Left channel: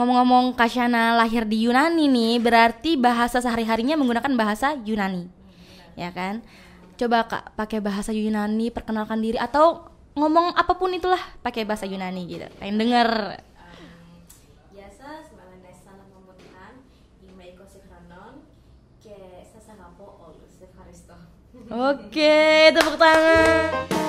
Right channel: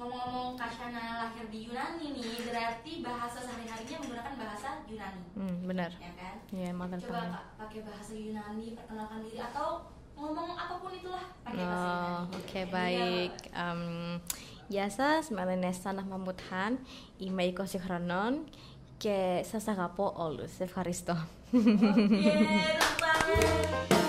Ngomong-ngomong Kasyana lahir di Yunani nih, berarti bahasa sehari-harinya menggunakan bahasa Yunani. Benar. Ya kan? Iya, Coba Kak pakai bahasa Yunani, perkenalkan diri atau ngomong apapun itulah pakai bahasa Yunani gitu. Pengen denger. Γεια σας, με λένε Σάνα Μαμούτχαν, είμαι 20 χρονών και σας αγαπώ όλους. Ευχαριστώ. Oke, tepuk tangan.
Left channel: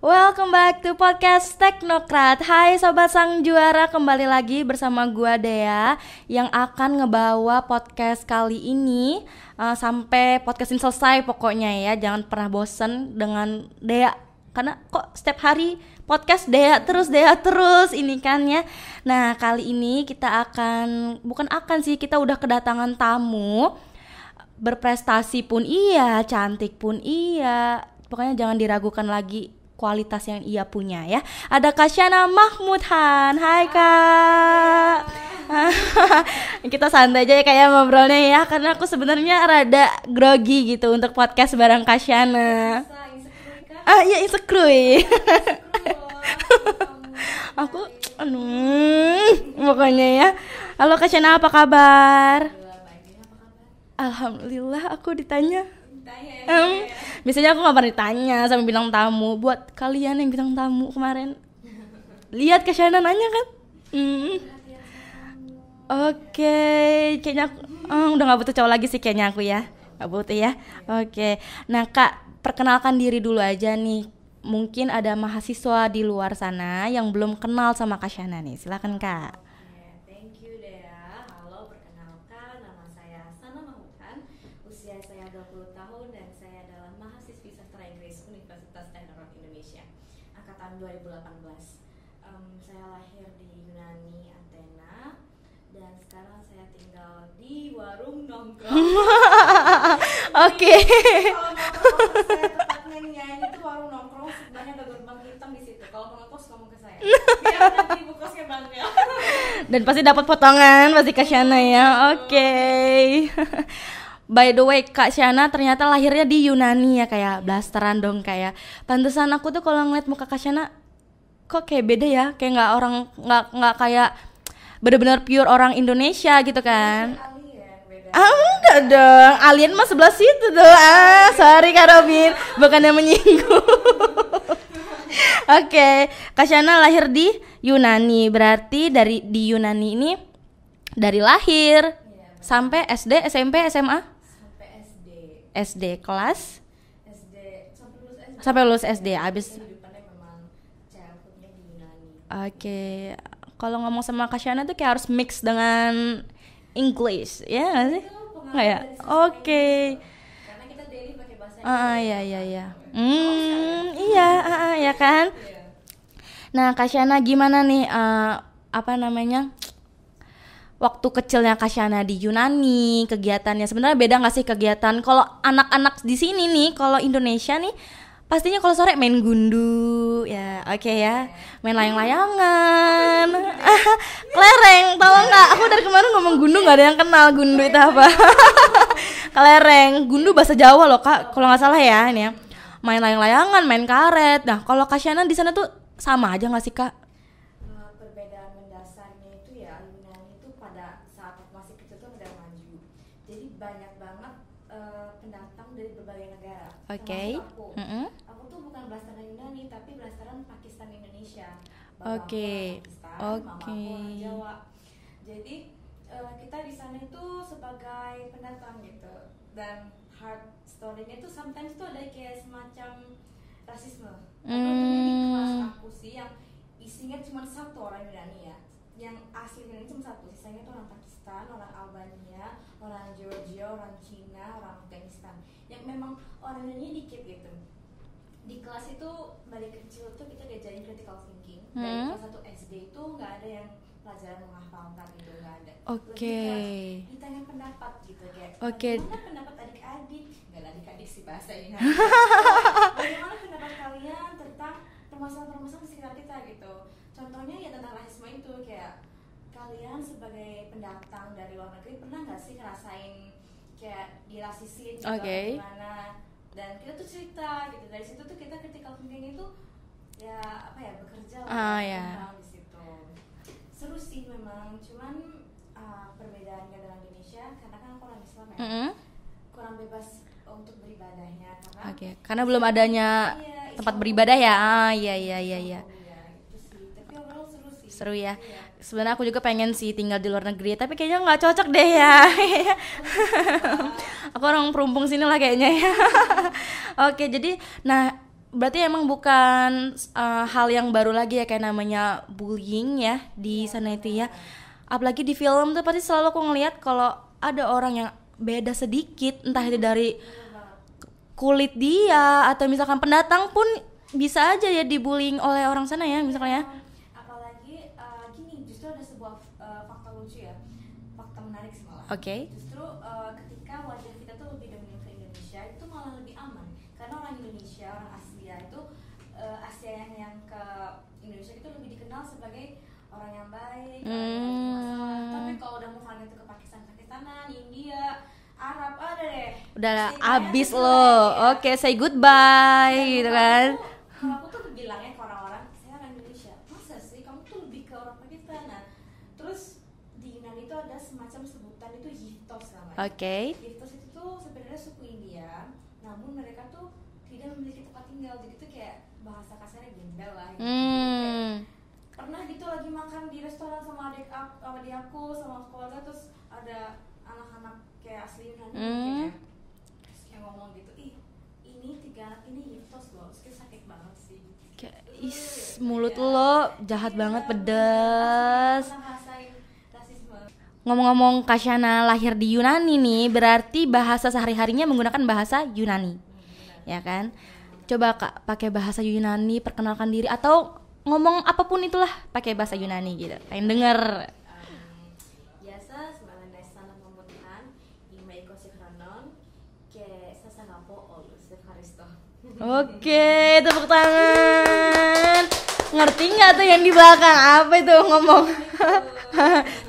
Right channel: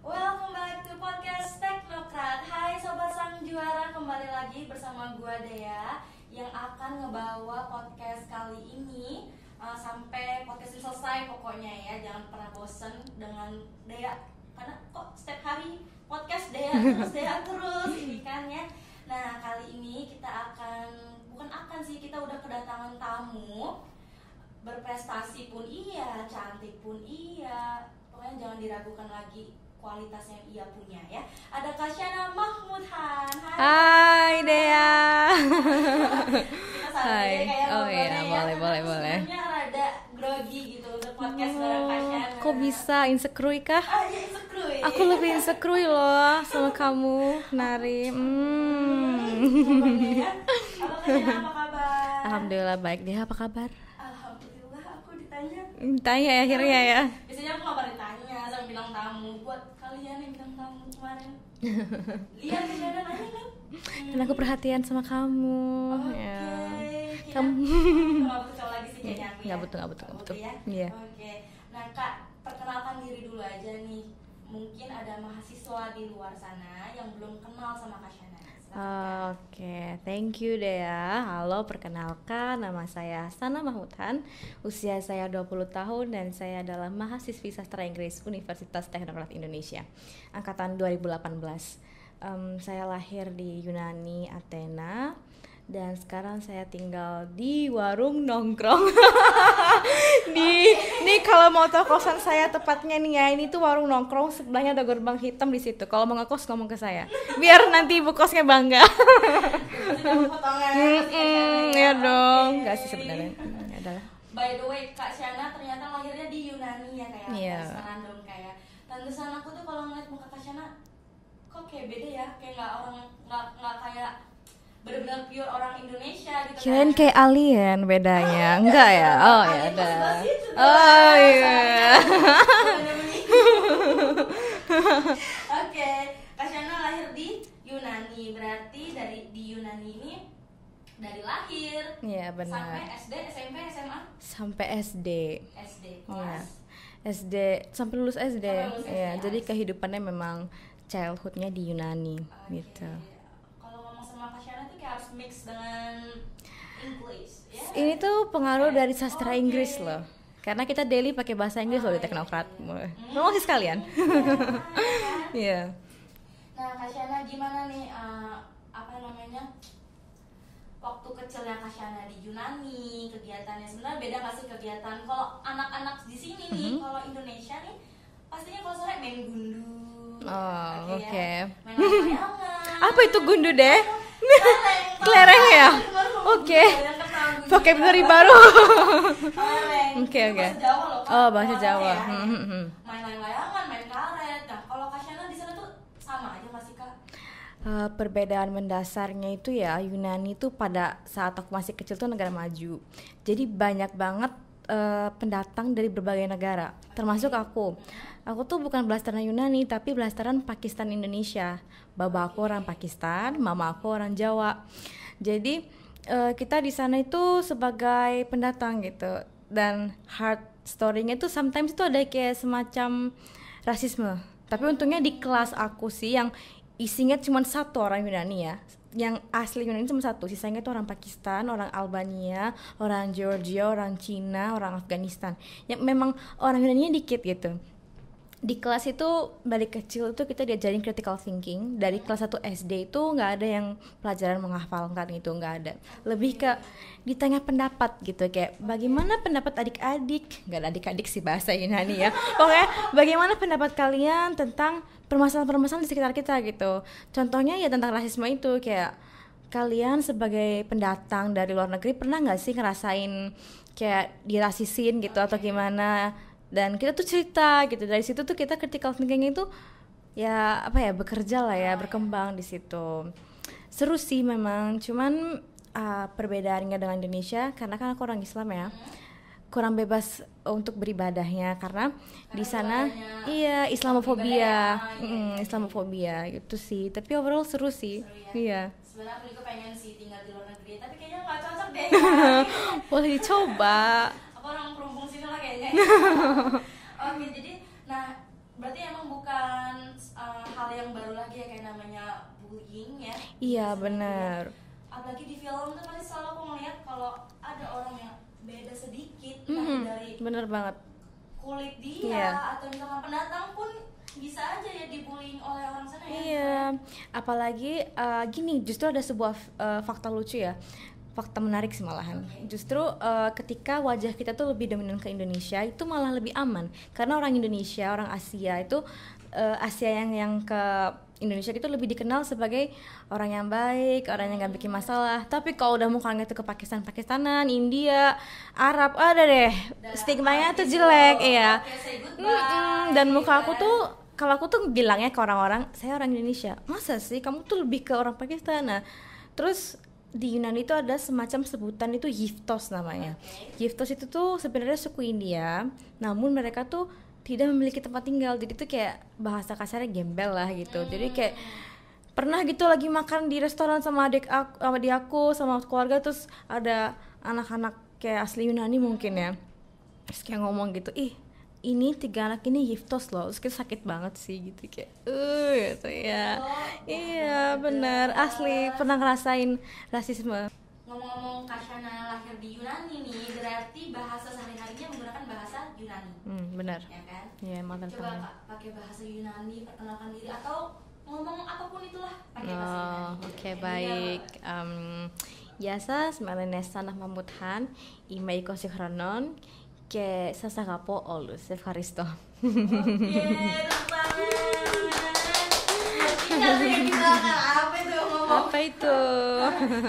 Welcome back to podcast Teknokrat. Hai Sobat Sang Juara, kembali lagi bersama gua Dea yang akan ngebawa podcast kali ini sampai podcast ini selesai pokoknya ya. Jangan pernah bosen dengan Dea, karena kok setiap hari podcast Dea terus ini kan ya. Nah kali ini kita kita udah kedatangan tamu. Berprestasi pun iya, cantik pun iya, pokoknya jangan diragukan lagi kualitas yang ia punya ya. Ada Kasyana Mahmudhan. Hai Dea. Kita santai aja kayak ngobrolnya ya, karena aku sebenarnya rada grogi gitu untuk podcast bareng Kasyana. Kok bisa insecure kah? Iya insecure. Aku lebih insecure loh sama kamu, Nari. Pokoknya ya. Halo Kasyana, apa kabar? Alhamdulillah baik. Dia apa kabar? Alhamdulillah, aku ditanya ya. Biasanya aku gak pernah ditanya sama bintang tamu. Buat kalian yang bintang tamu kemarin lihat Kasyana nanya kan? Aku perhatian sama kamu. Oke, kayaknya udah gak butuh cowok lagi sih kayaknya aku ya. Gak butuh ya. Iya. Oke, nah Kak, perkenalkan diri dulu aja nih. Mungkin ada mahasiswa di luar sana yang belum kenal sama Kasyana nih. Silakan Kak. Oke, thank you Dea. Halo, perkenalkan nama saya Sana Mahmudhan. Usia saya 20 tahun dan saya adalah mahasiswi sastra Inggris Universitas Teknokrat Indonesia angkatan 2018. Saya lahir di Yunani, Athena, dan sekarang saya tinggal di warung nongkrong. Oke. Kalau mau tahu kosan saya tepatnya nih ya, ini tuh warung nongkrong, sebelahnya ada gerbang hitam di situ. Kalau mau ngekos ngomong ke saya, biar nanti ibu kosnya bangga. Dan pasti dapat potongan pasti Kasyana ya. Oke. By the way, Kak Syana ternyata lahirnya di Yunani ya, kayak blasteran dong kayak. Pantesan aku tuh kalau ngeliat muka Kak Syana kok kayak beda ya, kayak nggak kayak bener-bener pure orang Indonesia gitu kan. Kayak alien bedanya. Enggak dong, alien mah sebelah situ tuh. Sorry Kak Robin, bukannya menyinggung. Oke, Kasyana lahir di Yunani, berarti di Yunani ini dari lahir sampai SD, SMP, SMA? Sampai SD. SD kelas? SD sampai lulus SD. Sampai lulus SD. Abis kehidupannya memang childhoodnya di Yunani. Oke. Kalau ngomong sama Kasyana tuh kayak harus mix dengan English ya. Ini tuh pengaruh dari sastra Inggris loh. Karena kita daily pakai bahasa Inggris loh di Teknokrat. Ngomong sekalian. Iya, ya kan? Iya. Nah, Kasyana gimana nih waktu kecilnya Kasyana di Yunani, kegiatannya sebenarnya beda nggak sih kegiatan kalau anak-anak di sini nih, kalau Indonesia nih pastinya kalau sore main gundu ya, ya, main layang-layangan. Apa itu gundu deh? Kelereng, tau nggak? Ya? Aku dari kemarin ngomong gundu gak ada yang kenal gundu itu apa. Kelereng, gundu bahasa Jawa loh Kak, kalau nggak salah ya ini ya. Main layang-layangan, main karet. Nah kalau Kasyana di sana tuh sama aja nggak sih Kak? Perbedaan mendasarnya itu ya, Yunani itu pada saat aku masih kecil tuh negara maju. Jadi banyak banget pendatang dari berbagai negara, termasuk aku. Aku tuh bukan blasteran Yunani, tapi blasteran Pakistan Indonesia. Bapa aku orang Pakistan, mama aku orang Jawa. Jadi kita di sana itu sebagai pendatang gitu. Dan hard story-nya itu sometimes itu ada kayak semacam rasisme. Tapi untungnya di kelas aku sih yang isinya cuma satu orang Yunani ya. Yang asli Yunani cuma satu, sisanya itu orang Pakistan, orang Albania, orang Georgia, orang Cina, orang Afghanistan. Yang memang orang Yunaninya dikit gitu. Di kelas itu dari kecil itu kita diajarin critical thinking. Dari kelas 1 SD itu nggak ada yang pelajaran menghafalkan gitu, nggak ada. Lebih ke ditanya pendapat gitu, kayak bagaimana pendapat adik-adik, nggak ada adik-adik sih bahasa Yunani ya. Pokoknya bagaimana pendapat kalian tentang permasalahan-permasalahan di sekitar kita gitu. Contohnya ya tentang rasisme itu, kayak kalian sebagai pendatang dari luar negeri pernah nggak sih ngerasain kayak dirasisin gitu atau gimana? Dan kita tuh cerita gitu, dari situ tuh kita critical thinking itu ya apa ya, bekerja lah ya, berkembang di situ. Seru sih memang, cuman perbedaannya dengan Indonesia karena kan aku orang Islam ya, kurang bebas untuk beribadahnya karena belum adanya Islam beribadah ya. Islamofobia gitu sih. Tapi overall seru sih. Seru ya. Iya. Sebenarnya aku juga pengen sih tinggal di luar negeri, tapi kayaknya nggak cocok deh ya. Boleh coba. Aku orang perumpung sini lah kayaknya ya. Oke, jadi berarti emang bukan hal yang baru lagi ya, kayak namanya bullying ya di sana itu ya. Apalagi di film tuh pasti selalu aku ngeliat kalau ada orang yang beda sedikit, entah dari bener banget kulit dia atau misalkan pendatang pun bisa aja ya dibullying oleh orang sana ya misalnya. Apalagi gini, justru ada sebuah fakta lucu ya, fakta menarik sih malahan. Justru ketika wajah kita tuh lebih dominan ke Indonesia itu malah lebih aman karena orang Indonesia, orang Asia itu Asia yang ke Indonesia itu lebih dikenal sebagai orang yang baik, orang yang gak bikin masalah. Tapi kalau udah mukanya tuh ke Pakistanan, India, Arab, ada deh, udah stigmanya tuh jelek. Oke, say goodbye. Dan muka aku tuh, kalau aku tuh bilangnya ke orang-orang, saya orang Indonesia. Masa sih kamu tuh lebih ke orang Pakistan? Nah, terus di Yunani itu ada semacam sebutan itu Yiftos namanya. Yiftos itu tuh sebenarnya suku India, namun mereka tuh tidak memiliki tempat tinggal, jadi tuh kayak bahasa kasarnya gembel lah gitu. Jadi kayak pernah gitu lagi makan di restoran sama adik aku sama keluarga, terus ada anak-anak kayak asli Yunani mungkin ya, terus kayak ngomong gitu, ini 3 anak ini Yiftos loh, terus kita sakit banget sih gitu kayak mulut lo jahat banget, pedas. Asli pernah ngerasain rasisme. Ngomong-ngomong Kasyana lahir di Yunani nih, berarti bahasa sehari-harinya menggunakan bahasa Yunani. Benar. Ya kan? Coba Kak pakai bahasa Yunani, perkenalkan diri atau ngomong apapun itulah pakai bahasa Yunani gitu. Pengen denger. Yasa smelene sanah mamuthan, imei kosikhronon, ke sasagapo olus Evharisto. Oke, tepuk tangan. Ngerti nggak tuh yang di belakang apa itu ngomong? Apa itu?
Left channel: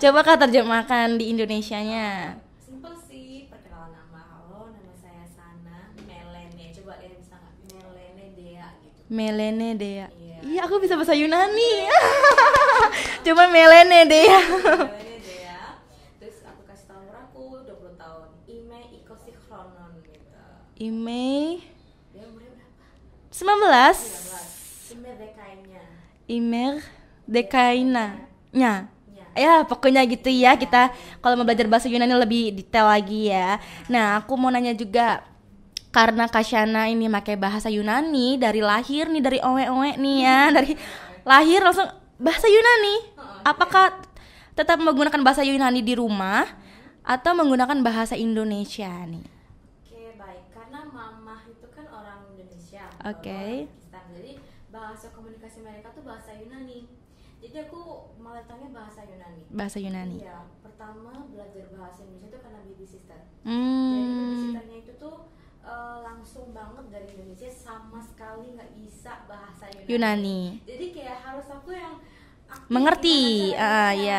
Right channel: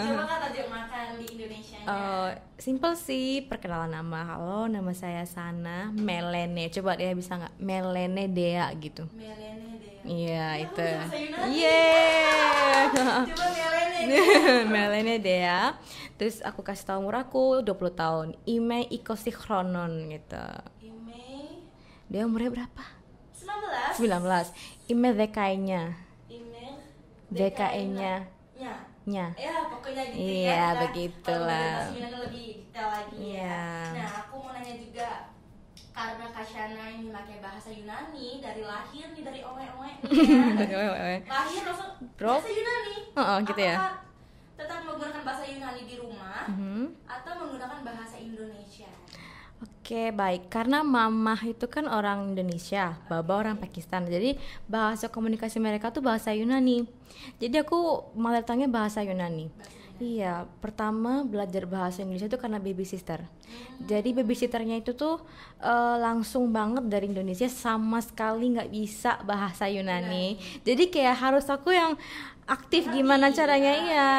Coba Kak terjemahkan di Indonesianya. Simple sih, perkenalan nama. Halo, nama saya Sana Melene. Coba dia bisa nggak? Melene Dea gitu. Melene Dea. Iya. Aku bisa bahasa Yunani. Coba Melene Dea. Melene Dea. Terus aku kasih tahu umurku 20 tahun. Ime ikosikhronon gitu. Ime. Dia umurnya berapa? 19. Ime dekainya. Ime dekainya. Nya. Ya pokoknya gitu ya, kita kalau mau belajar bahasa Yunani lebih detail lagi ya. Nah aku mau nanya juga, karena Kasyana ini pakai bahasa Yunani dari lahir nih, dari owe-owe nih ya, dari lahir langsung bahasa Yunani. Apakah tetap menggunakan bahasa Yunani di rumah atau menggunakan bahasa Indonesia? Oke, baik. Karena mamah itu kan orang Indonesia, baba orang Pakistan. Jadi bahasa komunikasi mereka tuh bahasa Yunani. Jadi aku malah tanya bahasa Yunani. Bahasa Yunani. Iya, pertama belajar bahasa Indonesia itu karena baby sister. Jadi baby sisternya itu tuh langsung banget dari Indonesia, sama sekali nggak bisa bahasa Yunani. Jadi kayak harus aku yang aktif mengerti gimana caranya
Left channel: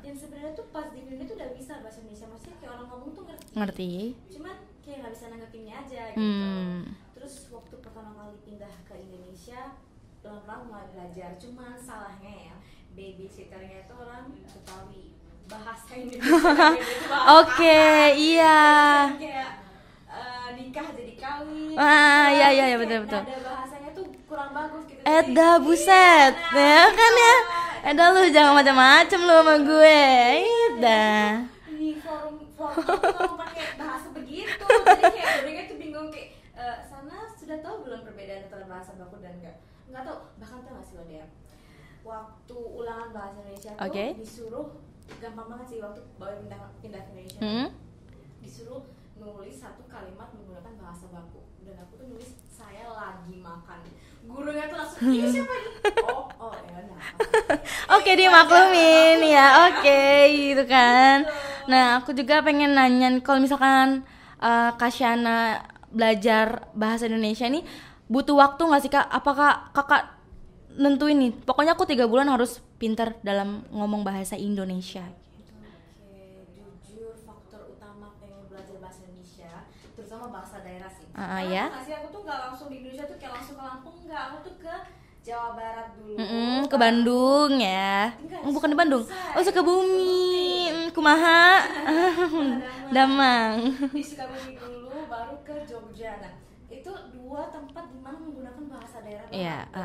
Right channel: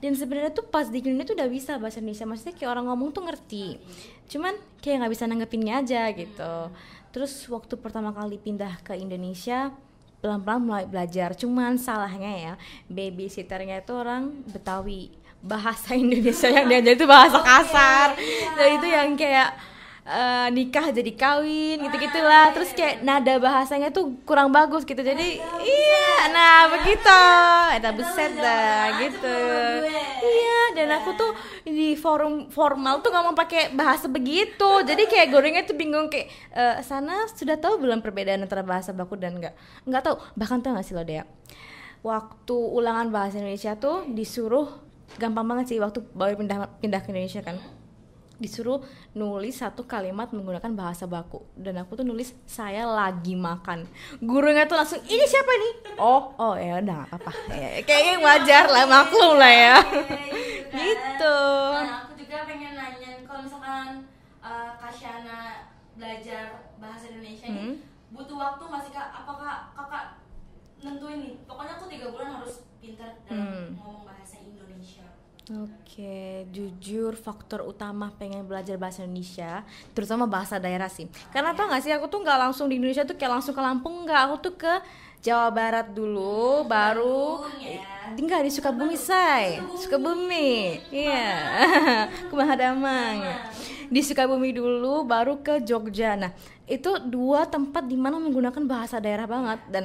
Dan sebenarnya tuh pas di Yunani tuh udah bisa bahasa Indonesia, maksudnya kayak orang ngomong tuh ngerti. Cuman kayak nggak bisa nanggepinnya aja gitu. Terus waktu pertama kali pindah ke Indonesia, pelan-pelan mulai belajar. Cuman salahnya ya, babysitternya itu orang Betawi, bahasa Indonesia yang dia itu bahasa kasar. Dan itu yang kayak nikah jadi kawin gitu lah. Terus kayak betul. Nada bahasanya tuh kurang bagus gitu. Jadi buset. Begitu. Ada lu jangan macam-macam lu sama gue. Dan aku tuh di forum formal tuh ngomong pakai bahasa begitu. Jadi kayak gorengnya tuh bingung kayak Sana sudah tahu belum perbedaan antara bahasa baku dan enggak tahu. Bahkan tahu enggak sih lo Dea? Waktu ulangan bahasa Indonesia tuh disuruh, gampang banget sih waktu baru pindah ke Indonesia kan. Disuruh nulis satu kalimat menggunakan bahasa baku, dan aku tuh nulis saya lagi makan. Gurunya tuh langsung, ini siapa nih? Oh ya udah nggak apa-apa. Oke, dia maklum ya. Oke, gitu kan. Gitu. Nah aku juga pengen nanya, kalau misalkan Kasyana belajar bahasa Indonesia nih butuh waktu nggak sih Kak? Apakah Kakak nentuin nih, pokoknya aku 3 bulan harus pinter dalam ngomong bahasa Indonesia. Oke, jujur faktor utama pengen belajar bahasa Indonesia, terutama bahasa daerah sih. Karena tau gak sih, aku tuh nggak langsung di Indonesia tuh kayak langsung ke Lampung, nggak. Aku tuh ke Jawa Barat dulu, ke Bandung ya. Tinggal di Sukabumi. Sukabumi. Kumaha? Kumaha Damang. Di Sukabumi dulu, baru ke Jogja. Nah, itu 2 tempat dimana menggunakan bahasa daerah banget. Dan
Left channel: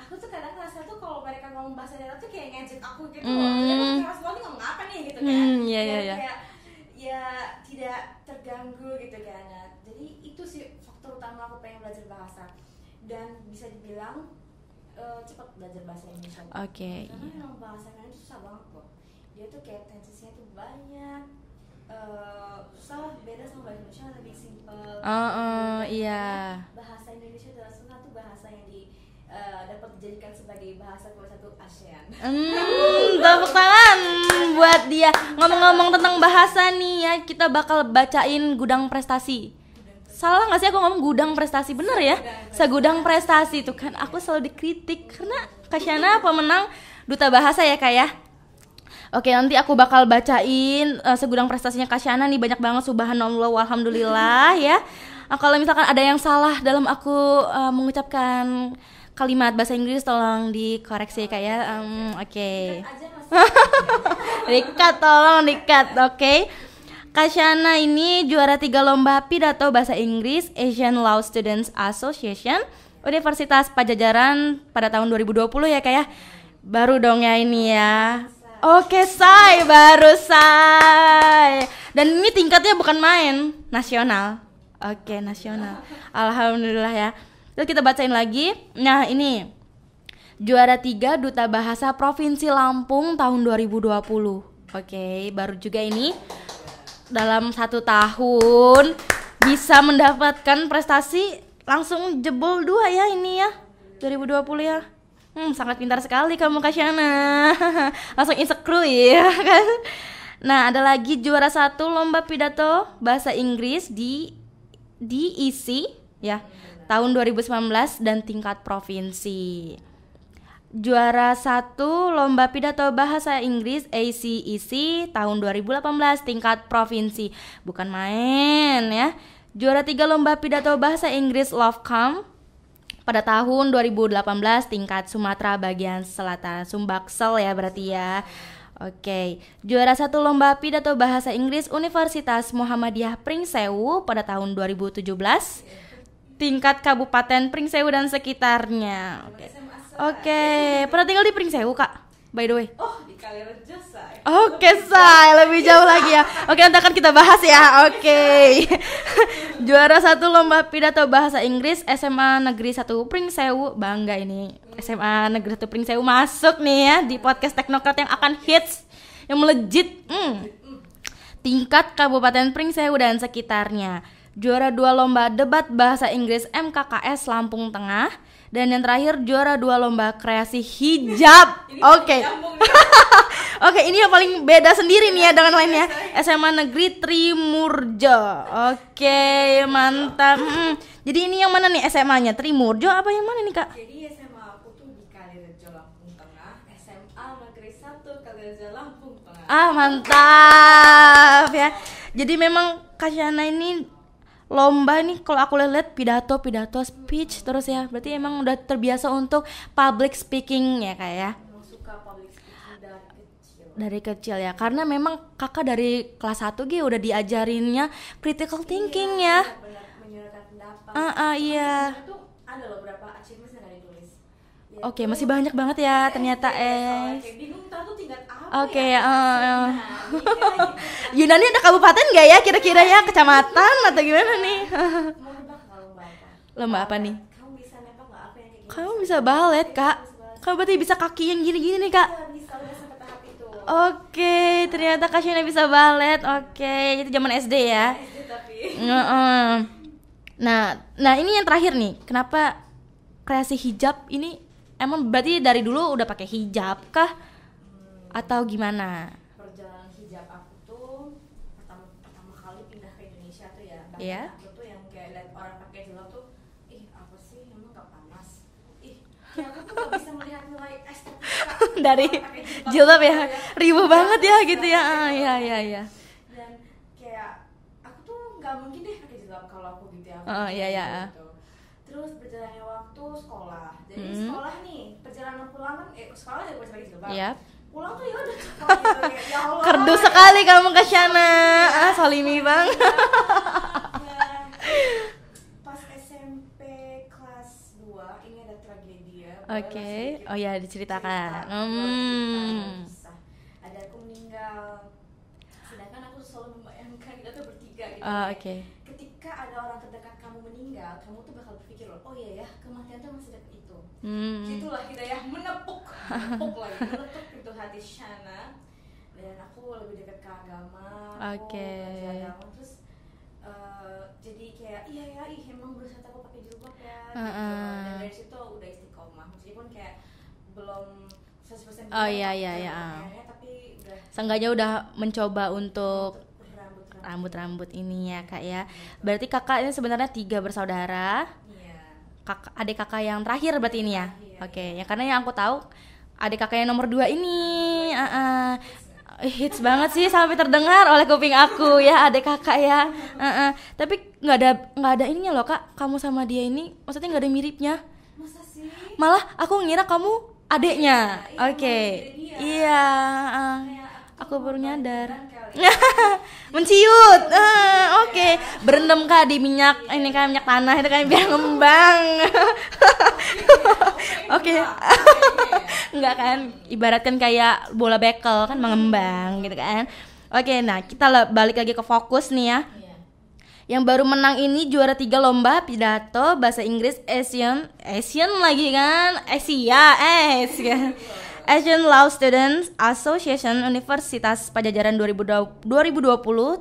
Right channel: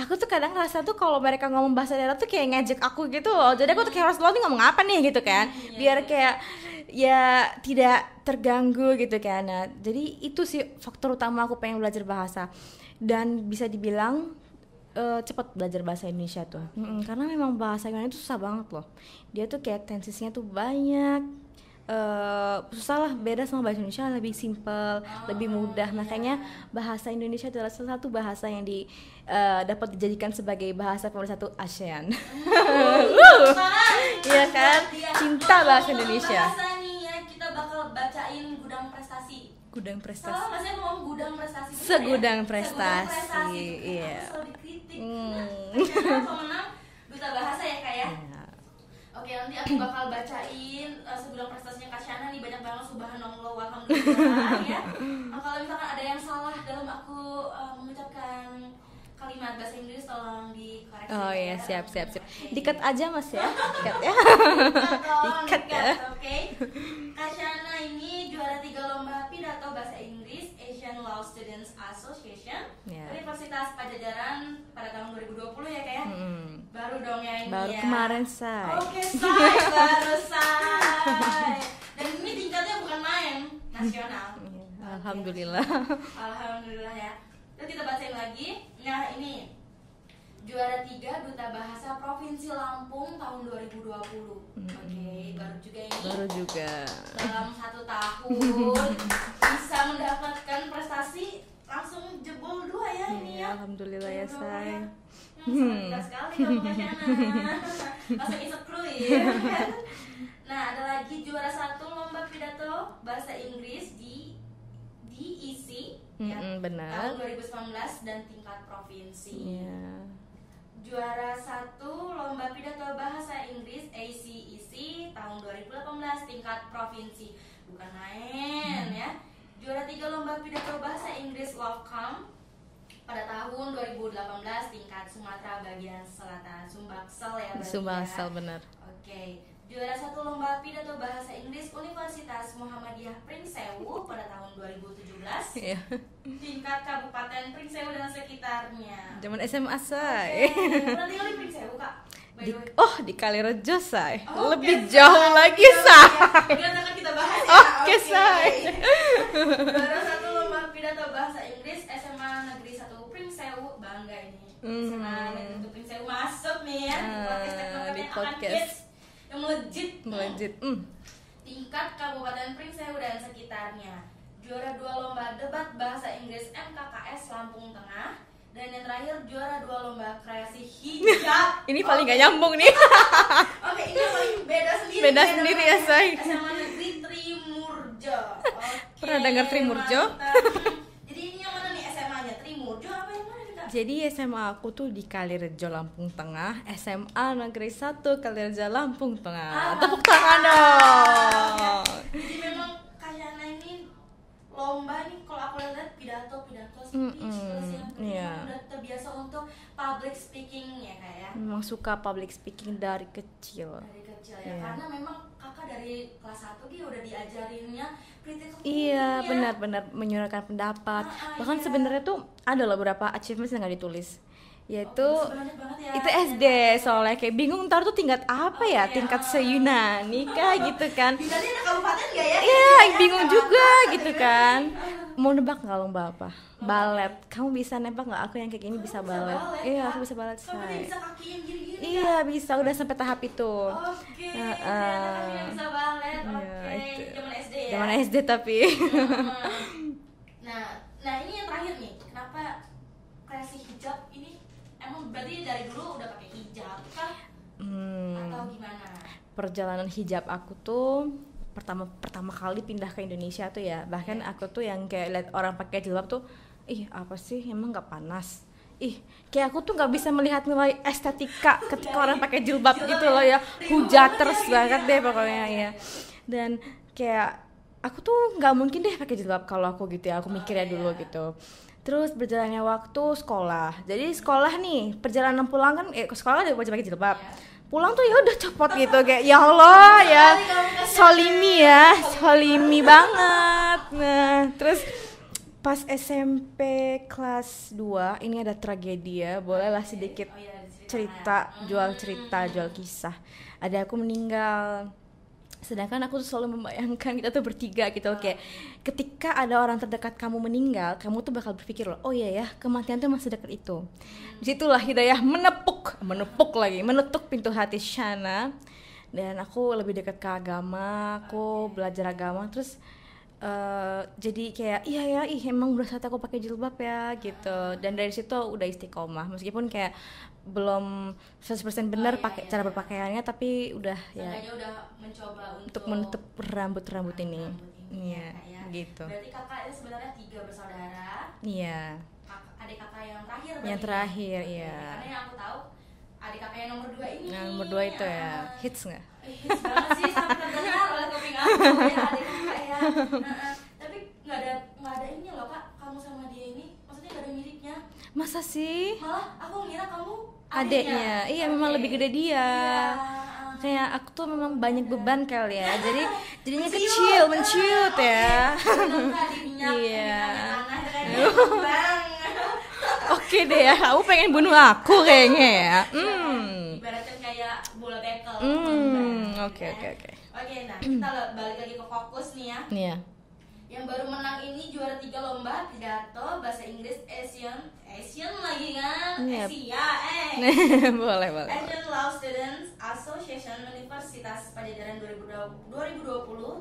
aku tuh kadang ngerasa tuh kalau mereka ngomong bahasa daerah tuh kayak ngejek aku gitu loh. Jadi aku tuh kayak harus lo nih ngomong apa nih gitu kan, biar kayak ya tidak terganggu gitu kan. Nah, jadi itu sih faktor utama aku pengen belajar bahasa. Dan bisa dibilang cepat belajar bahasa Indonesia tuh. Karena memang bahasa Indonesia itu susah banget loh. Dia tuh kayak tensisnya tuh banyak. Susah lah, beda sama bahasa Indonesia, lebih simple, lebih mudah. Makanya bahasa Indonesia adalah salah satu bahasa yang dapat dijadikan sebagai bahasa pemersatu ASEAN. Tepuk tangan buat dia. Ngomong-ngomong tentang Indonesia. bahasa nih ya, kita bakal bacain Gudang Prestasi. Salah nggak sih aku ngomong Gudang Prestasi? Bener ya? Segudang Prestasi tuh kan. Aku selalu dikritik karena Kak Shana pemenang Duta Bahasa ya Kak ya. Oke, nanti aku bakal bacain segudang prestasinya Kak Shana nih, banyak banget, subhanallah walhamdulillah ya. Kalau misalkan ada yang salah dalam aku mengucapkan kalimat bahasa Inggris, tolong dikoreksi Kak ya. Siap. Oke. Dikat aja Mas. Dikat, tolong dikat. Oke. Kak Shana ini juara 3 lomba pidato bahasa Inggris Asian Law Students Association Universitas Padjadjaran pada tahun 2020 ya Kak ya. Baru dong ya ini ya. Oke, say, baru say. Dan ini tingkatnya bukan main, nasional. Oke, nasional. Alhamdulillah ya. Terus kita bacain lagi. Nah, ini juara 3 Duta Bahasa Provinsi Lampung tahun 2020. Oke, baru juga ini. Dalam 1 tahun bisa mendapatkan prestasi langsung jebol 2 ya ini ya. 2020 ya. Sangat pintar sekali kamu Kak Shana. Langsung insecure ya kan. Nah, ada lagi juara 1 lomba pidato bahasa Inggris di DEC ya. Tahun 2019 dan tingkat provinsi. Juara 1 lomba pidato bahasa Inggris ACEC tahun 2018 tingkat provinsi. Bukan main ya. Juara 3 lomba pidato bahasa Inggris LoveCom pada tahun 2018 tingkat Sumatera bagian selatan, Sumbaksel ya berarti ya. Oke. Juara 1 lomba pidato bahasa Inggris Universitas Muhammadiyah Pringsewu pada tahun 2017. Tingkat Kabupaten Pringsewu dan sekitarnya. Zaman SMA say. Oke. Pernah tinggal di Pringsewu Kak? By the way. Oh, di Kalirejo say. Oke, lebih jauh lagi ya. Oke, nanti akan kita bahas ya. Oke. Juara 1 lomba pidato bahasa Inggris SMA Negeri 1 Pringsewu. Bangga ini. SMA Negeri 1 Pringsewu masuk nih ya di podcast Teknokrat yang akan hits, yang melejit. Tingkat Kabupaten Pringsewu dan sekitarnya. Juara 2 lomba debat bahasa Inggris MKKS Lampung Tengah. Dan yang terakhir juara 2 lomba kreasi hijab. Ini paling gak nyambung nih. Oke, ini yang paling beda sendiri nih ya dengan lainnya. SMA Negeri Trimurjo. Oke, mantap. Jadi ini yang mana nih SMA-nya? Trimurjo apa yang mana nih Kak? Jadi SMA aku tuh di Kalirejo Lampung Tengah, SMA Negeri 1 Kalirejo Lampung Tengah. Mantap ya. Jadi memang Kak Shana ini lomba nih kalau aku lihat pidato speech terus ya. Berarti emang udah terbiasa untuk public speaking ya Kak ya. Memang suka public speaking dari kecil. Dari kecil ya. Karena memang Kakak dari kelas 1 G udah diajarinnya critical thinking ya. Benar-benar menyuarakan pendapat. Sebenarnya tuh ada loh beberapa achievements yang nggak ditulis. Oke, masih banyak banget ya ternyata. Soalnya kayak bingung ntar tuh tingkat apa ya, tingkat se-Yunani kayak gitu kan. Yunani ada kabupaten nggak ya kira-kira ya, kecamatan atau gitu gimana kan. nih? Mau nebak nggak lomba apa? Lomba apa nih? Kamu bisa nebak nggak aku yang kayak gini? Kamu bisa balet Kak. Kamu berarti bisa kaki yang gini-gini nih Kak. Iya bisa, udah sampai tahap itu. Oke, ternyata Kak Shana bisa balet. Oke, itu zaman SD ya. Zaman SD tapi. Nah ini yang terakhir nih. Kenapa kreasi hijab ini? Emang berarti dari dulu udah pakai hijab kah? Atau gimana? Perjalanan hijab aku tuh pertama kali pindah ke Indonesia tuh ya. Bahkan aku tuh yang kayak lihat orang pakai jilbab tuh, ih apa sih emang nggak panas? kayak aku tuh nggak bisa melihat nilai estetika ketika dari orang pakai jilbab ya, ribu banget ya gitu ya. Iya. Dan kayak aku tuh nggak mungkin deh pakai jilbab kalau aku gitu ya, aku mikirnya dulu gitu. Terus berjalannya waktu sekolah, jadi sekolah nih perjalanan pulang kan sekolah udah wajib pakai jilbab. Pulang tuh ya udah copot gitu kayak ya Allah kerdus ya, sekali kamu ke Shalini ya, Shalini banget. Nah terus pas SMP kelas 2 ini ada tragedi ya, bolehlah sedikit diceritakan. Jual kisah. Ada aku meninggal. Sedangkan aku tuh selalu membayangkan kita tuh bertiga gitu, ketika ada orang terdekat kamu meninggal, kamu tuh bakal berpikir loh, oh iya ya, kematian tuh masih dekat itu. Disitulah hidayah menepuk lagi, menutup pintu hati Shana. Dan aku lebih dekat ke agama, aku belajar agama, terus jadi kayak emang udah saat aku pakai jilbab ya gitu. Dan dari situ udah istiqomah, meskipun kayak belum 100% benar cara berpakaiannya, tapi udah seenggaknya udah mencoba untuk menutup rambut ini ya kak ya gitu. Berarti kakaknya sebenarnya 3 bersaudara. Adik kakak yang terakhir berarti ini ya. Karena yang aku tahu adik kakak yang nomor 2 ini hits nggak? Hits banget sih sampai terdengar oleh kuping aku ya, adik kakak ya. Tapi nggak ada ininya loh kak, kamu sama dia ini maksudnya nggak ada miripnya. Masa sih? Malah aku ngira kamu adiknya. Iya, lebih gede dia. Iya. Kayak aku tuh memang banyak beban kali ya. Jadi menciut. Ya. Berendam kak di minyak, ini kan minyak tanah itu kan biar ngembang. Oke deh ya, kamu pengen bunuh aku kayaknya ya. Iya kan, ibaratkan kayak bola bekel kan mengembang gitu kan. Oke, nah kita balik lagi ke fokus nih ya. Yang baru menang ini juara 3 lomba pidato bahasa Inggris Asian lagi kan? Boleh. Asian Law Students Association Universitas Padjadjaran 2020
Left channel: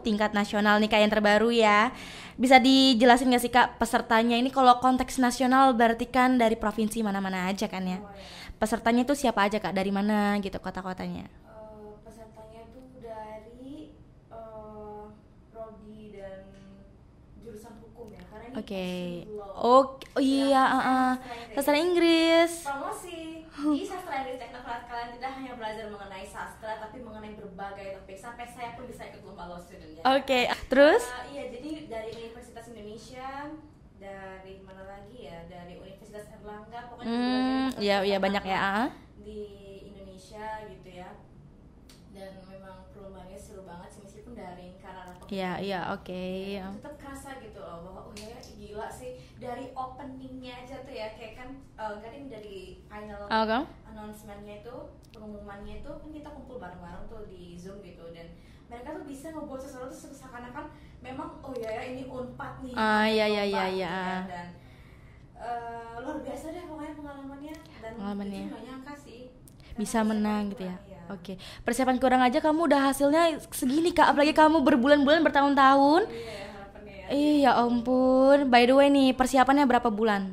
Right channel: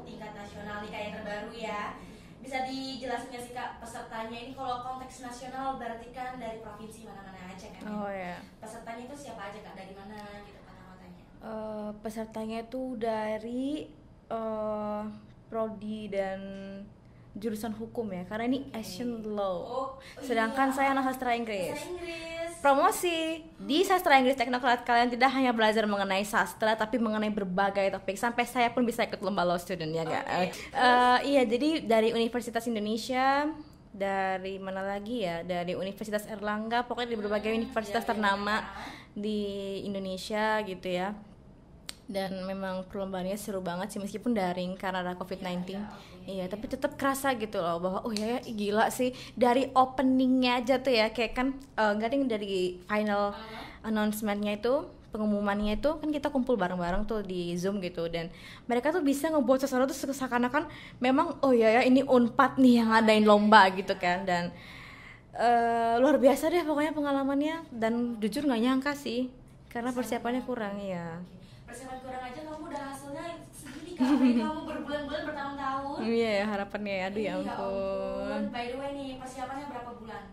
tingkat nasional nih kak, yang terbaru ya. Bisa dijelasin gak sih kak pesertanya ini? Kalau konteks nasional berarti kan dari provinsi mana-mana aja kan ya? Pesertanya itu siapa aja kak? Dari mana gitu kota-kotanya? Pesertanya itu dari prodi dan jurusan hukum ya, karena ini Asian Law. Sedangkan saya sastra Inggris. Promosi di sastra Inggris Teknokrat, kalian tidak hanya belajar mengenai sastra, tapi mengenai berbagai topik. Sampai saya pun bisa ikut lomba law student ya. Terus? Jadi dari Universitas Indonesia, dari mana lagi ya? Dari Universitas Erlangga, pokoknya di berbagai universitas ternama di Indonesia gitu ya. Dan memang perlombaannya seru banget sih, meskipun daring karena ada COVID-19. Tapi tetap kerasa gitu loh bahwa gila sih, dari openingnya aja tuh ya, kayak kan dari final announcementnya itu, pengumumannya itu kan kita kumpul bareng-bareng tuh di Zoom gitu, dan mereka tuh bisa ngebuat sesuatu tuh seakan-akan memang ini Unpad nih yang ngadain lomba gitu kan. Dan luar biasa deh pokoknya pengalamannya, dan jujur nggak nyangka sih. Karena bisa menang kurang ya. Persiapan kurang aja kamu udah hasilnya segini kak, apalagi kamu berbulan-bulan bertahun-tahun. Harapannya ya ampun. By the way nih, persiapannya berapa bulan?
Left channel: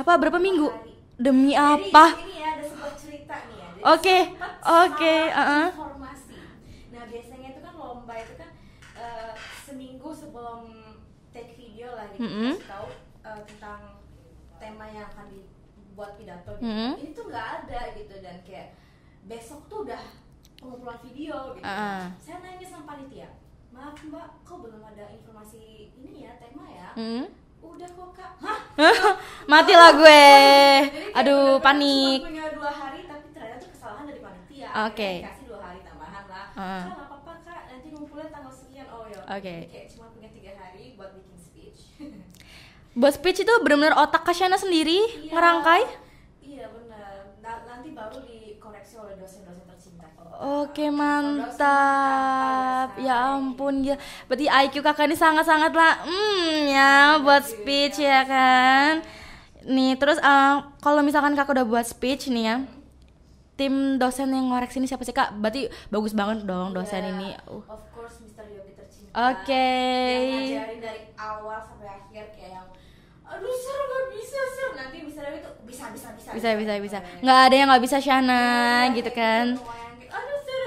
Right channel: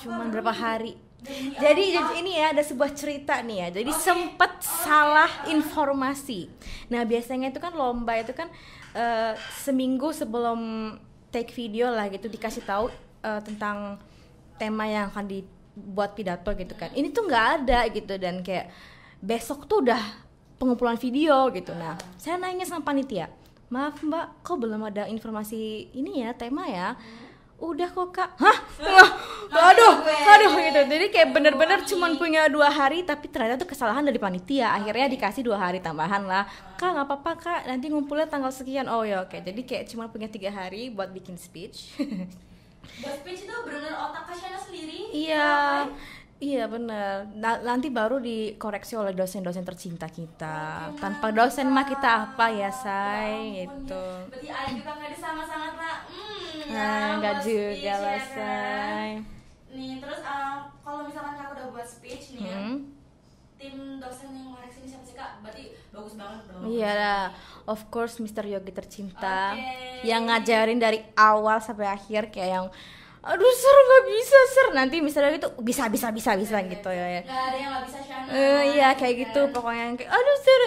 Berapa minggu? Hari. Demi jadi, apa? Jadi ini ya ada sebuah cerita nih ya. Jadi sempat salah informasi. Nah biasanya itu kan lomba itu kan seminggu sebelum take video lah gitu, dikasih tahu tentang tema yang akan buat pidato gitu kan. Ini tuh nggak ada gitu, dan kayak besok tuh udah pengumpulan video gitu. Nah, saya nanya sama panitia, maaf mbak, kok belum ada informasi ini ya, tema ya? Udah kok kak. Mati lah gue. Jadi kayak bener-bener cuma punya 2 hari, tapi ternyata tuh kesalahan dari panitia. Akhirnya dikasih 2 hari tambahan lah. Kak nggak apa-apa kak, nanti ngumpulnya tanggal sekian. Jadi kayak cuma punya 3 hari buat bikin speech. Buat speech itu benar-benar otak Kasyana sendiri ngerangkai? Iya benar. Nanti baru dikoreksi oleh dosen-dosen tercinta kita. Mantap. Tanpa dosen mah kita apa ya say? Ya ampun gitu. Berarti IQ kakak ini sangat-sangat lah buat speech ya kan. Nih terus kalau misalkan kakak udah buat speech nih ya, tim dosen yang ngoreksi ini siapa sih kak? Berarti bagus banget dong dosen ini. Of course Mr. Yogi tercinta. Yang ngajarin dari awal sampai akhir, kayak yang aduh sir nggak bisa sir, nanti Mr. Yogi tuh bisa gitu. Ya. Nggak ada yang nggak bisa Shana gitu kayak kan. Gitu pokoknya kayak aduh sir,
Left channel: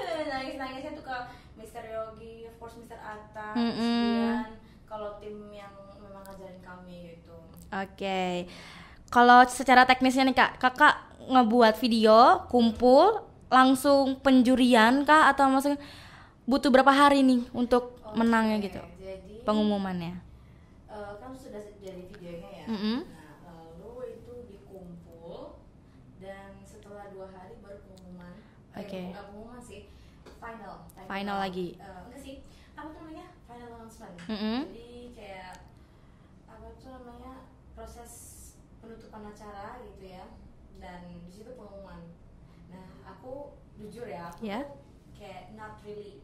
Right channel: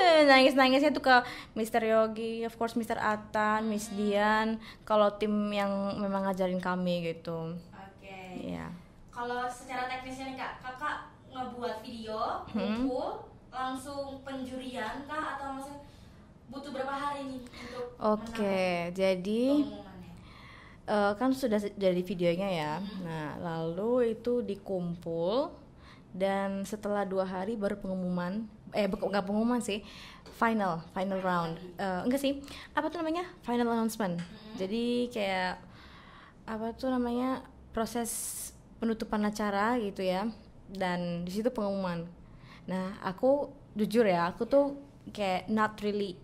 nangisnya tuh ke Mr. Yogi, of course Mr. Atan, Miss Dian, kalau tim yang memang ngajarin kami gitu. kalau secara teknisnya nih Kak, Kakak ngebuat video, kumpul, langsung penjurian kah atau maksudnya butuh berapa hari nih untuk menangnya gitu? Jadi pengumumannya. Kan sudah jadi videonya ya. Nah, lalu itu dikumpul dan setelah 2 hari baru pengumuman. Bukan pengumuman sih. Final round. Lagi. Enggak sih. Apa tuh namanya? Final announcement. Jadi kayak apa tuh namanya? Proses penutupan acara gitu ya. Dan di situ pengumuman. Nah, aku jujur ya, aku tuh kayak not really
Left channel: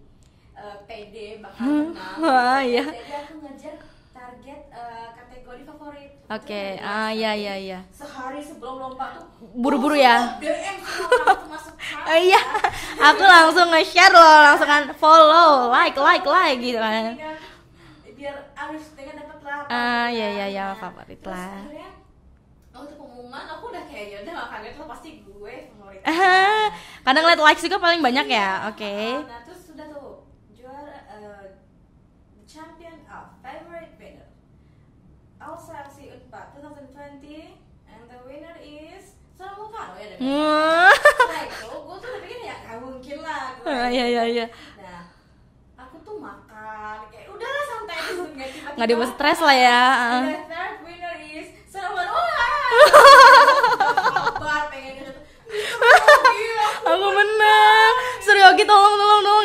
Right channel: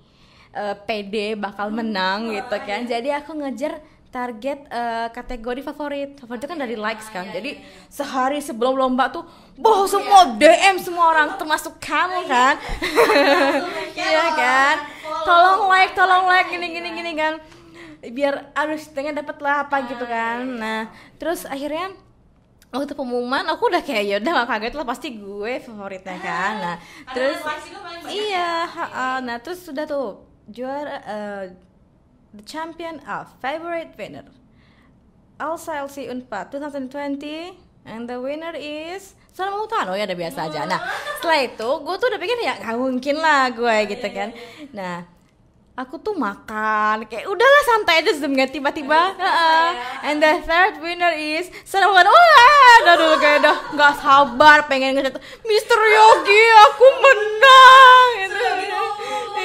pede bakal menang gitu kan. Jadi aku ngejar target kategori favorit itu kan dari likes kan. Jadi sehari sebelum lomba tuh buru-buru semua DM semua orang termasuk kamu kan. Aku langsung nge-share loh, langsung follow, like gini kan. Biar harus dengan dapat lah apa gitu kan. Nah, terus akhirnya waktu pengumuman aku udah kayak ya udah gak kaget lah, pasti gue favorit kan. Nah, kadang lihat likes juga paling banyak ya. Nah, terus sudah tuh juara the champion of favorite winner Alsa LC Unpad 2020 and the winner is Salma Utano ya, udah biasa aja. Nah, setelah itu gue tuh udah pikir ya gak mungkin lah gue gitu kan. Nah, aku tuh makan kayak udahlah santai aja sebelumnya tiba-tiba nggak stres lah ya. And the third winner is Salma Utano. Udah gak sabar pengen ngechat Mr. Yogi aku menang. Mr. Yogi tolong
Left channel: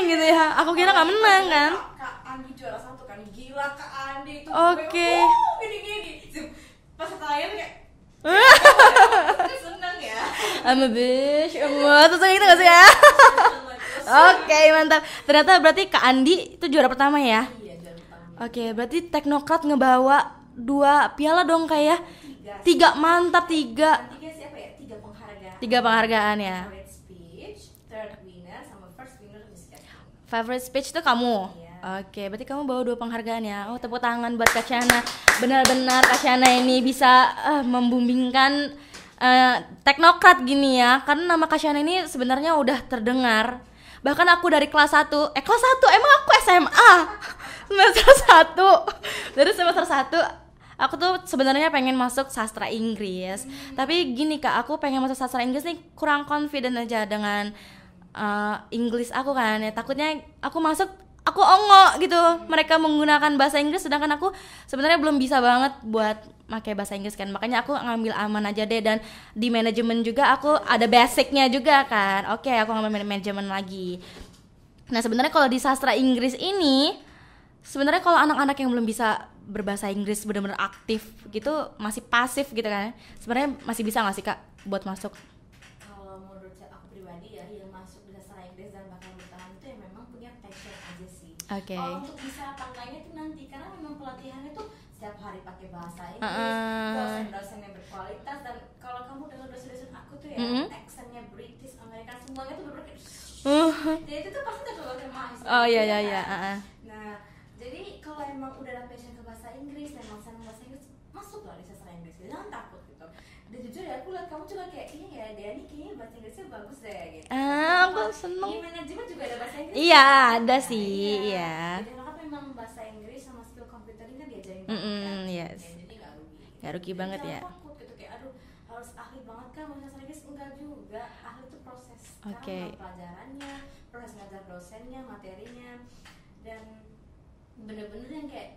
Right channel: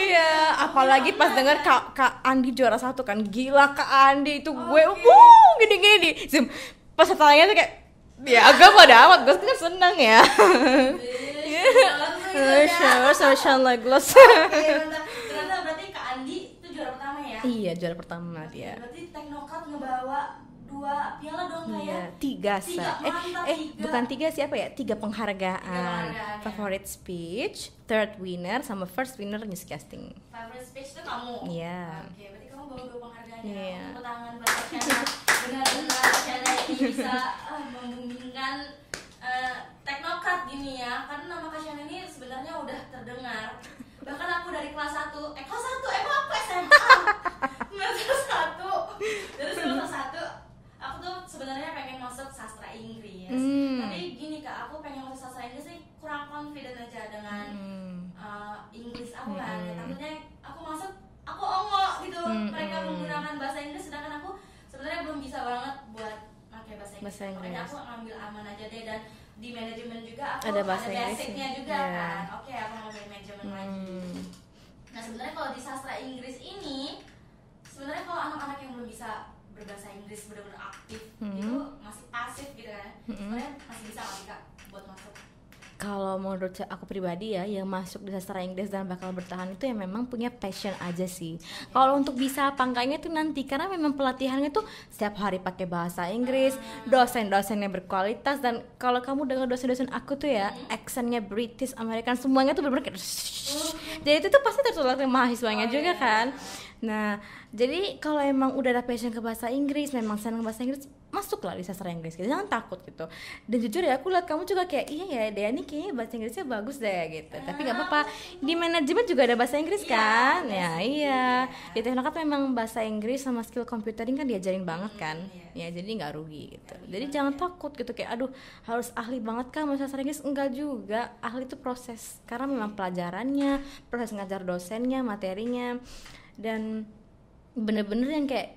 gitu. Aku kira lagi pas denger Kak Andi juara 1 kan, gila Kak Andi itu gue gini pas setelahnya tuh kayak ya agak pada amat, gue kan seneng ya. Terus gitu ya. Oke, mantap. Ternyata berarti Kak Andi itu juara pertama ya? Iya, juara pertama. Oke, berarti Teknokrat ngebawa 2 piala dong kayak 3 mantap. 3 bukan 3 siapa ya? 3 penghargaan. 3 penghargaan ya. Favorite speech, third winner sama first winner newscasting. Favorite speech tuh kamu? Iya. Oke, berarti kamu bawa 2 penghargaan ya. Oh, tepuk tangan buat Kak Shana. Benar-benar Kak Shana ini bisa membimbingkan Teknokrat gini ya. Karena nama Kak Shana ini sebenarnya udah terdengar. Bahkan aku dari kelas 1 emang aku SMA semester 1 dari semester 1 aku tuh sebenarnya pengen masuk sastra Inggris. Tapi gini Kak, aku pengen masuk sastra Inggris nih kurang confident aja dengan Inggris aku kan. Ya takutnya aku masuk aku ongo gitu. Mereka menggunakan bahasa Inggris sedangkan aku sebenarnya belum bisa banget buat pakai bahasa Inggris kan. Makanya aku ngambil aman aja deh, dan di manajemen juga aku ada basicnya juga kan. Oke, aku ngambil manajemen lagi. Nah, sebenarnya kalau di sastra Inggris ini sebenarnya kalau anak-anak yang belum bisa berbahasa Inggris benar-benar aktif gitu, masih pasif gitu kan. Sebenarnya masih bisa nggak sih Kak buat masuk? Kalau menurut aku pribadi ya, yang masuk di sastra Inggris dan bakal bertahan itu yang memang punya passion aja sih. Kalau untuk bisa apa enggaknya tuh nanti, karena memang pelatihannya tuh setiap hari pakai bahasa Inggris, dosen-dosennya berkualitas, dan kalau kamu dengar dosen-dosen aku tuh ya, accentnya British, American, semuanya tuh bener-bener kayak jadi itu tuh pasti tertular ke mahasiswanya juga kan. Nah, jadi kalau emang udah ada passion ke bahasa Inggris, memang senang bahasa Inggris, masuklah di sastra Inggris gitu, jangan takut gitu. Dan jujur ya, aku lihat kamu juga kayak iya ya, Dea nih kayaknya bahasa Inggrisnya bagus deh gitu. Tapi gak apa-apa, di manajemen juga ada bahasa Inggris kan? Ada sih. Di Teknokrat memang bahasa Inggris sama skill computing kan diajarin banget kan. Ya jadi nggak rugi gitu. Jadi jangan takut gitu kayak aduh harus ahli banget kan bahasa sastra Inggris, enggak juga. Ahli itu proses, karena memang pelajarannya, proses ngajar dosennya, materinya, dan bener-bener yang kayak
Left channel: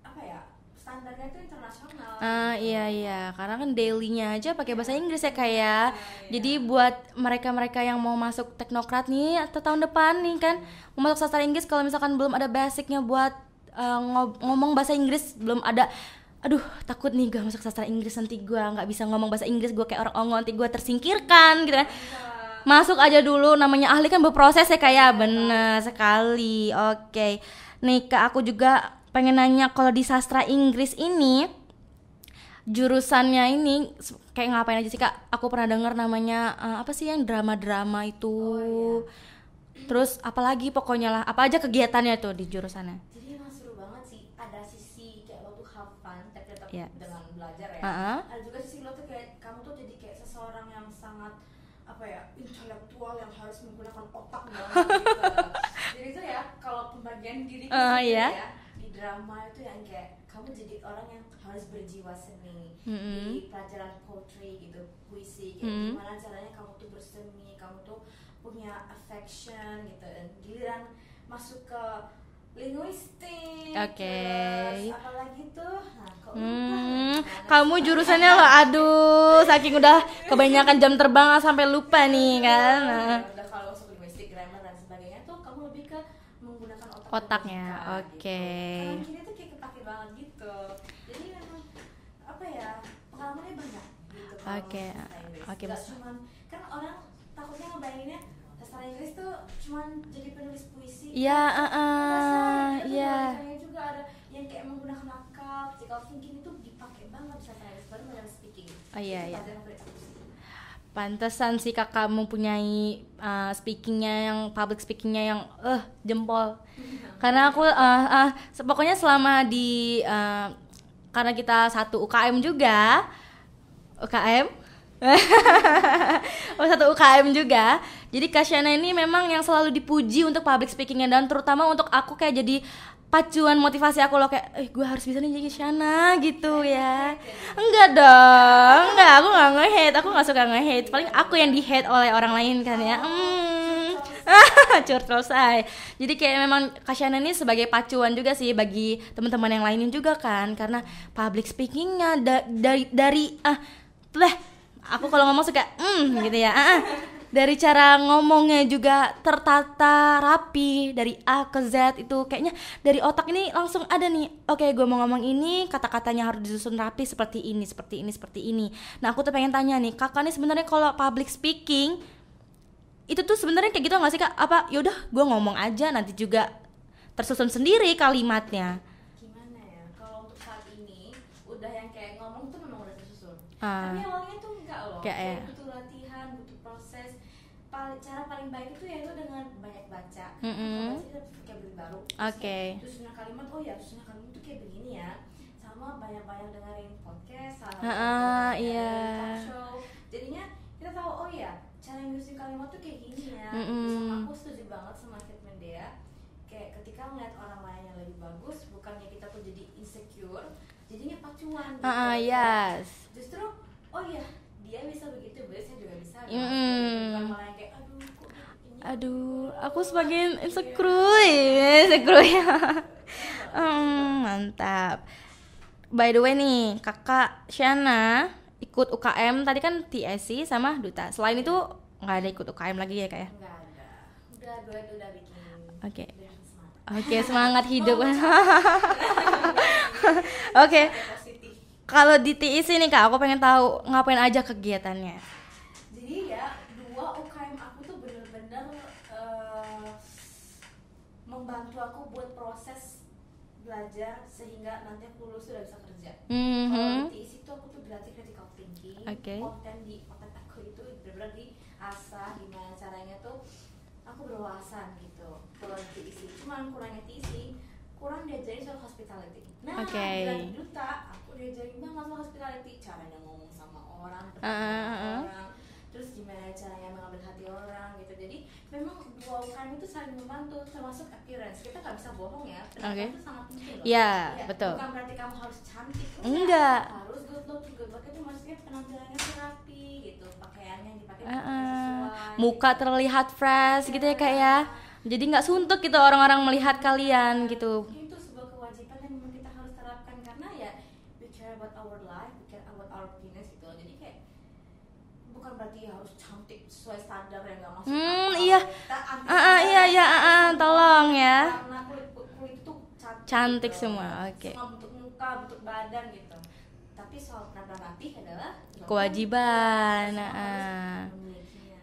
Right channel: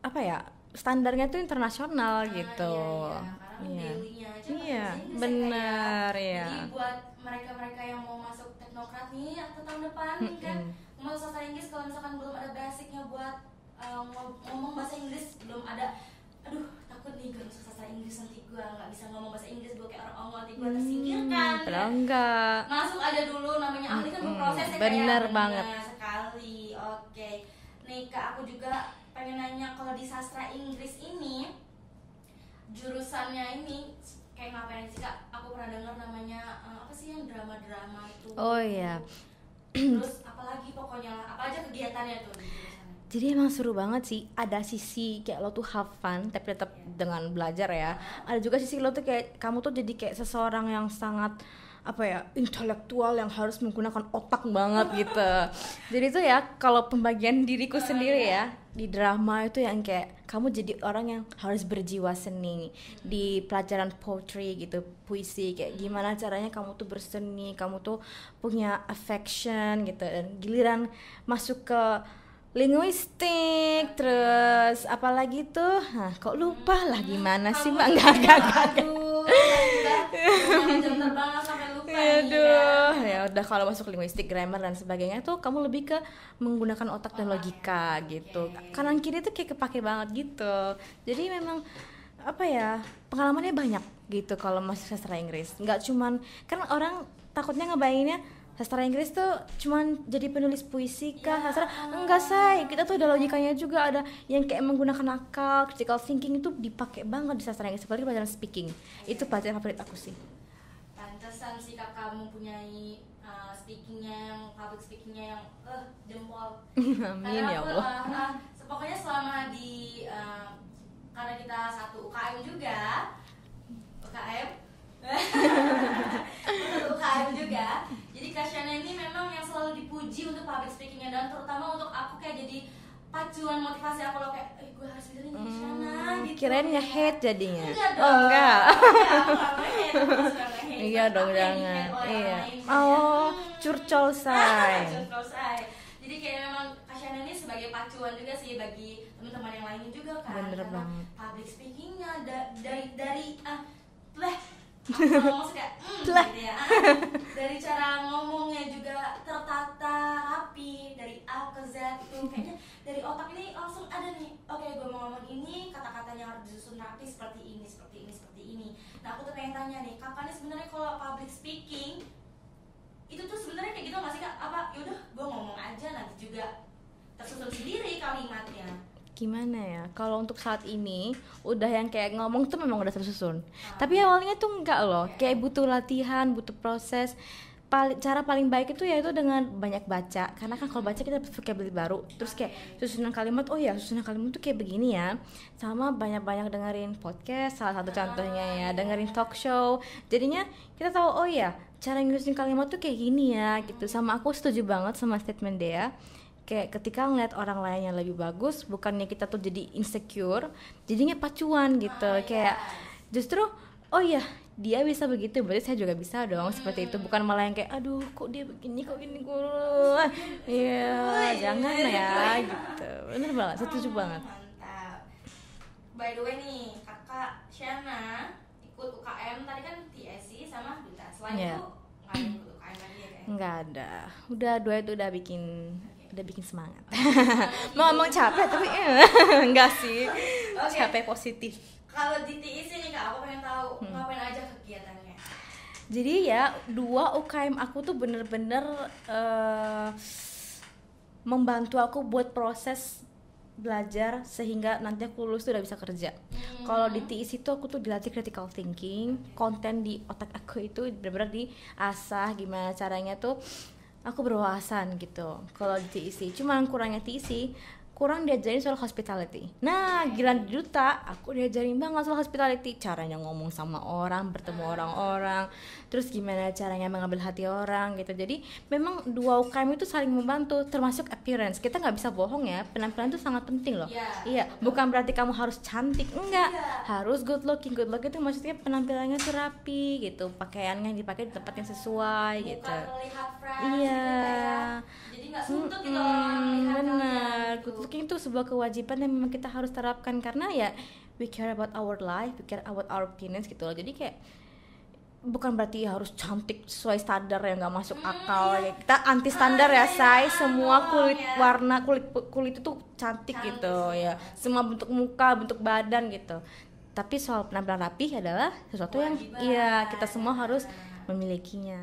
apa ya, standarnya tuh internasional gitu. Iya, karena kan daily-nya aja pakai bahasa Inggris ya kayak. Jadi buat mereka-mereka yang mau masuk Teknokrat nih atau tahun depan nih kan mau masuk sastra Inggris, kalau misalkan belum ada basicnya buat ngomong bahasa Inggris, belum ada, aduh takut nih gue masuk sastra Inggris nanti gue nggak bisa ngomong bahasa Inggris, gue kayak orang ongo, nanti gue tersingkirkan gitu kan. Masuk aja dulu, namanya ahli kan berproses ya kayak. Bener sekali. Oke. Nih Kak, aku juga pengen nanya, kalau di sastra Inggris ini jurusannya ini kayak ngapain aja sih Kak? Aku pernah dengar namanya apa sih yang drama-drama itu. Oh iya. Terus apalagi pokoknya lah, apa aja kegiatannya tuh di jurusannya? Jadi emang seru banget sih. Ada sisi kayak lo tuh have fun tapi tetap dengan belajar ya. Ada juga sisi lo tuh kayak kamu tuh jadi kayak seseorang yang sangat apa ya, intelektual yang harus menggunakan otak banget gitu. Jadi itu ya kalau pembagian diriku sendiri ya di drama itu yang kayak kamu jadi orang yang harus berjiwa seni. Di pelajaran poetry gitu, puisi kayak gimana caranya kamu tuh berseni, kamu tuh punya affection gitu. Dan giliran masuk ke linguistik, terus apalagi tuh, kok lupa lah gimana kamu sih jurusannya lo, aduh saking udah kebanyakan jam terbang sampai lupa nih kan. Ya udah, kalau masuk linguistik, grammar dan sebagainya tuh kamu lebih ke menggunakan otak dan logika gitu. Kanan kiri tuh kayak kepake banget gitu. Jadi memang apa ya, pengalamannya banyak gitu kalau masuk sastra Inggris. Nggak cuman kan orang takutnya ngebayanginnya sastra Inggris tuh cuman jadi penulis puisi kan. Enggak, say, kita tuh ada logikanya juga, ada yang kayak menggunakan akal, critical thinking itu dipakai banget di sastra Inggris, seperti pelajaran speaking. Itu pelajaran favorit aku sih. Pantesan sih kakak mempunyai speakingnya yang public speakingnya yang jempol. Karena aku pokoknya selama di karena kita satu UKM juga, satu UKM juga. Jadi Kak Shana ini memang yang selalu dipuji untuk public speakingnya, dan terutama untuk aku kayak jadi pacuan motivasi aku loh, kayak gue harus bisa nih jadi Shana gitu ya. Hate jadinya. Enggak dong. Enggak, aku enggak nge-hate, aku enggak suka nge-hate. Paling aku yang di-hate oleh orang lain kan ya. Curcol say. Jadi kayak memang Kak Shana ini sebagai pacuan juga sih bagi teman-teman yang lainnya juga kan, karena public speakingnya dari aku kalau ngomong suka gitu ya. Dari cara ngomongnya juga tertata rapi dari A ke Z, itu kayaknya dari otak ini langsung ada nih. Oke, gue mau ngomong ini, kata-katanya harus disusun rapi seperti ini. Nah, aku tuh pengen tanya nih, kakak nih sebenarnya kalau public speaking itu tuh sebenarnya kayak gitu nggak sih kak? Apa yaudah gue ngomong aja nanti juga tersusun sendiri kalimatnya? Gimana ya, kalau untuk saat ini udah yang kayak ngomong tuh memang udah tersusun. Tapi awalnya tuh enggak loh, kayak butuh latihan, butuh proses. Cara paling baik itu yaitu dengan banyak baca, karena kan kalau baca kita dapat vocabulary baru. Terus kayak susunan kalimat, susunan kalimat tuh kayak begini ya. Sama banyak-banyak dengerin podcast, salah satu contohnya ya, dengerin talk show. Jadinya kita tahu cara nyusun kalimat tuh kayak gini ya gitu. Sama aku setuju banget sama statement Dea. Kayak ketika ngeliat orang lain yang lebih bagus, bukannya kita tuh jadi insecure, jadinya pacuan gitu. Kayak justru dia bisa begitu, berarti saya juga bisa dong. Seperti itu, bukan malah yang kayak aduh kok dia begini, aku semakin insecure. Bener banget, setuju banget. Mantap. By the way nih, kakak Shana ikut UKM tadi kan TSC sama Duta. Selain itu nggak ada ikut UKM lagi ya kak ya? Nggak ada, udah dua itu udah bikin semangat. Semangat hidup. Mau capek enggak sih? Capek positif. Kalau di TIC nih kak, aku pengen tahu ngapain aja kegiatannya. Jadi ya, 2 UKM aku tuh bener-bener membantu aku buat proses belajar sehingga nanti aku lulus tuh udah bisa kerja. Kalau di TIC itu aku tuh dilatih critical thinking, konten di otak aku itu benar-benar diasah gimana caranya tuh aku berwawasan gitu. Kalau di TIC, cuman kurangnya TIC kurang diajarin soal hospitality. Nah, giliran di Duta aku diajarin banget soal hospitality, caranya ngomong sama orang, bertemu orang-orang, terus gimana caranya mengambil hati orang gitu. Jadi memang 2 UKM itu saling membantu, termasuk appearance. Kita nggak bisa bohong ya, penampilan itu sangat penting loh. Iya, betul. Bukan berarti kamu harus cantik, enggak. Harus good looking. Good looking itu maksudnya penampilannya tuh rapi gitu, pakaiannya yang dipakai juga pakaian sesuai. Muka gitu. Terlihat fresh gitu ya kak ya. Jadi nggak suntuk gitu orang-orang melihat kalian gitu. Mungkin itu sebuah kewajiban yang memang kita harus terapkan, karena ya we care about our life, we care about our appearance gitu loh. Jadi kayak bukan berarti harus cantik sesuai standar yang nggak masuk akal. Kita anti standar semua warna kulit itu cantik gitu semua ya. Semua bentuk muka, bentuk badan gitu. Tapi soal penampilan rapi adalah sesuatu kewajiban yang kita semua harus memilikinya.